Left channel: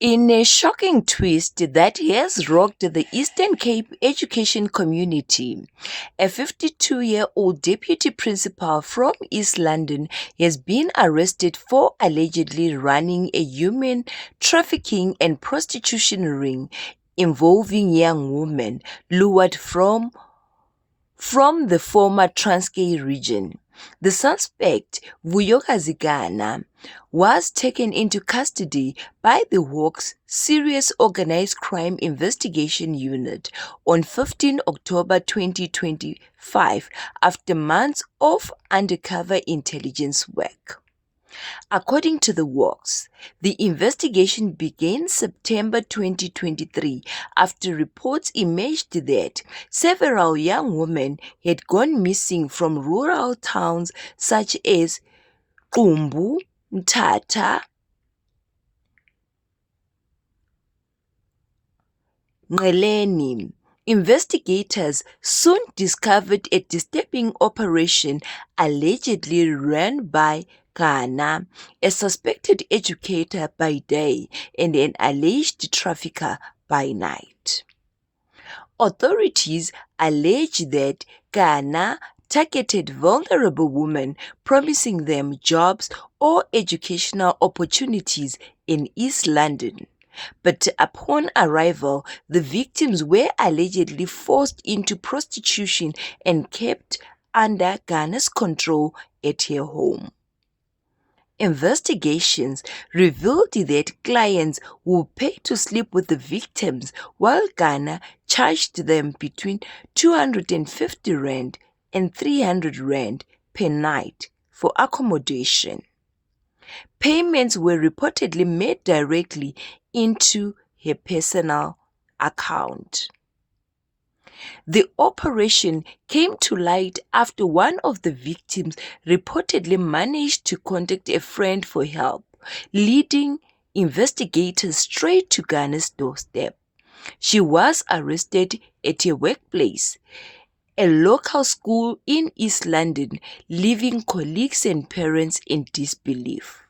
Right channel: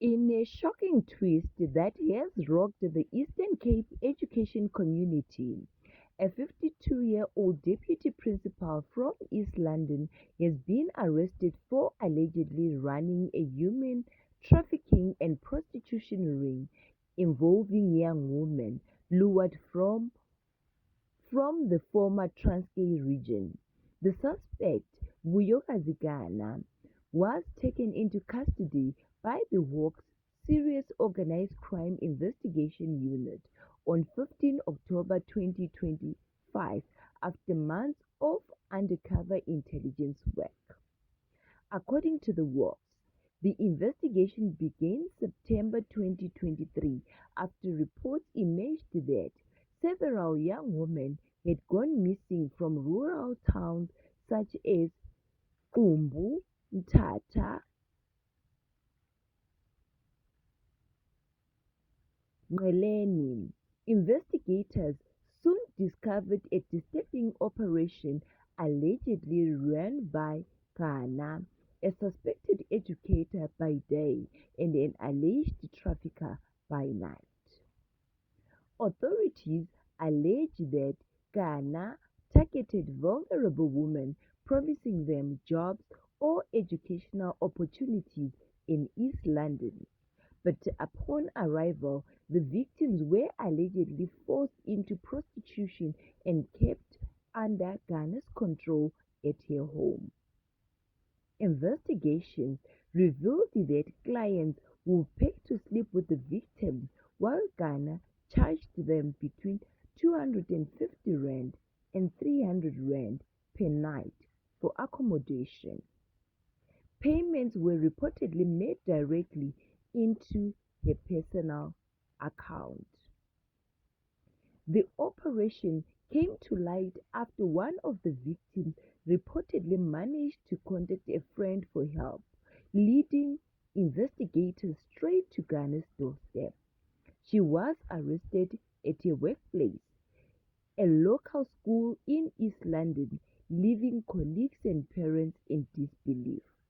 In a shocking twist that has rocked the Eastern Cape education community, a 52-year-old deputy principal from East London has been arrested for allegedly running a human trafficking and prostitution ring involving young women lured from the former Transkei region. The suspect, Vuyokazigana, was taken into custody by the Hawks Serious Organized Crime Investigation Unit on 15 October 2025 after months of undercover intelligence work. According to the works, the investigation began September 2023 after reports emerged that several young women had gone missing from rural towns such as Qumbu, Mthatha, Nqeleni. Investigators soon discovered a disturbing operation allegedly run by Ghana, a suspected educator by day and an alleged trafficker by night. Authorities allege that Ghana targeted vulnerable women, promising them jobs or educational opportunities in East London. But upon arrival, the victims were allegedly forced into prostitution and kept under Ghana's control at her home. Investigations revealed that clients would pay to sleep with the victims, while Ghana charged them between 250 Rand and 300 Rand per night for accommodation. Payments were reportedly made directly into her personal account. The operation came to light after one of the victims reportedly managed to contact a friend for help, leading investigators straight to Ghana's doorstep. She was arrested at her workplace, a local school in East London, leaving colleagues and parents in disbelief.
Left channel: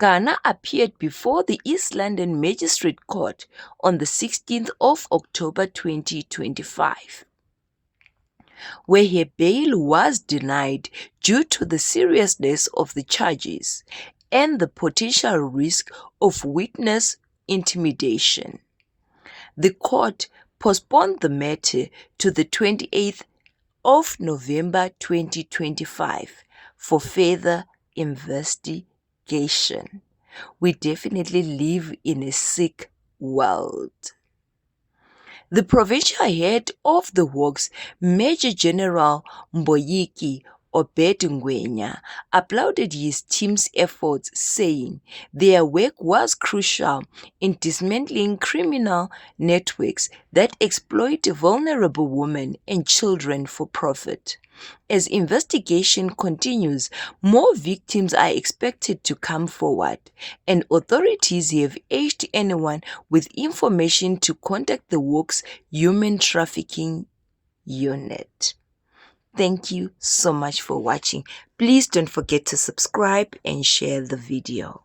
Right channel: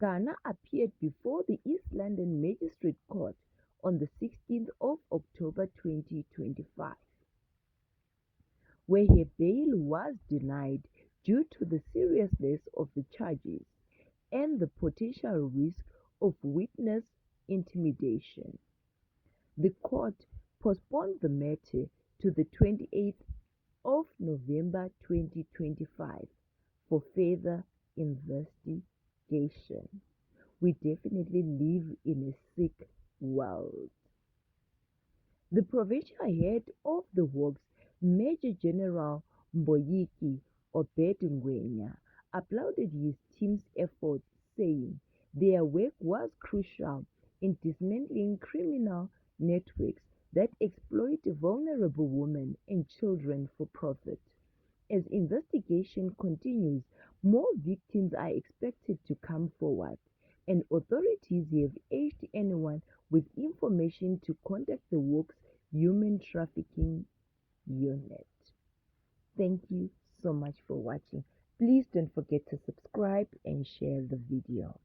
Ghana appeared before the East London Magistrate Court on the 16th of October 2025, where her bail was denied due to the seriousness of the charges and the potential risk of witness intimidation. The court postponed the matter to the 28th of November 2025 for further investigation. We definitely live in a sick world. The provincial head of the works, Major General Mboyiki Obedingwenya, applauded his team's efforts, saying their work was crucial in dismantling criminal networks that exploit vulnerable women and children for profit. As investigation continues, more victims are expected to come forward, and authorities have urged anyone with information to contact the Works Human Trafficking Unit. Thank you so much for watching. Please don't forget to subscribe and share the video.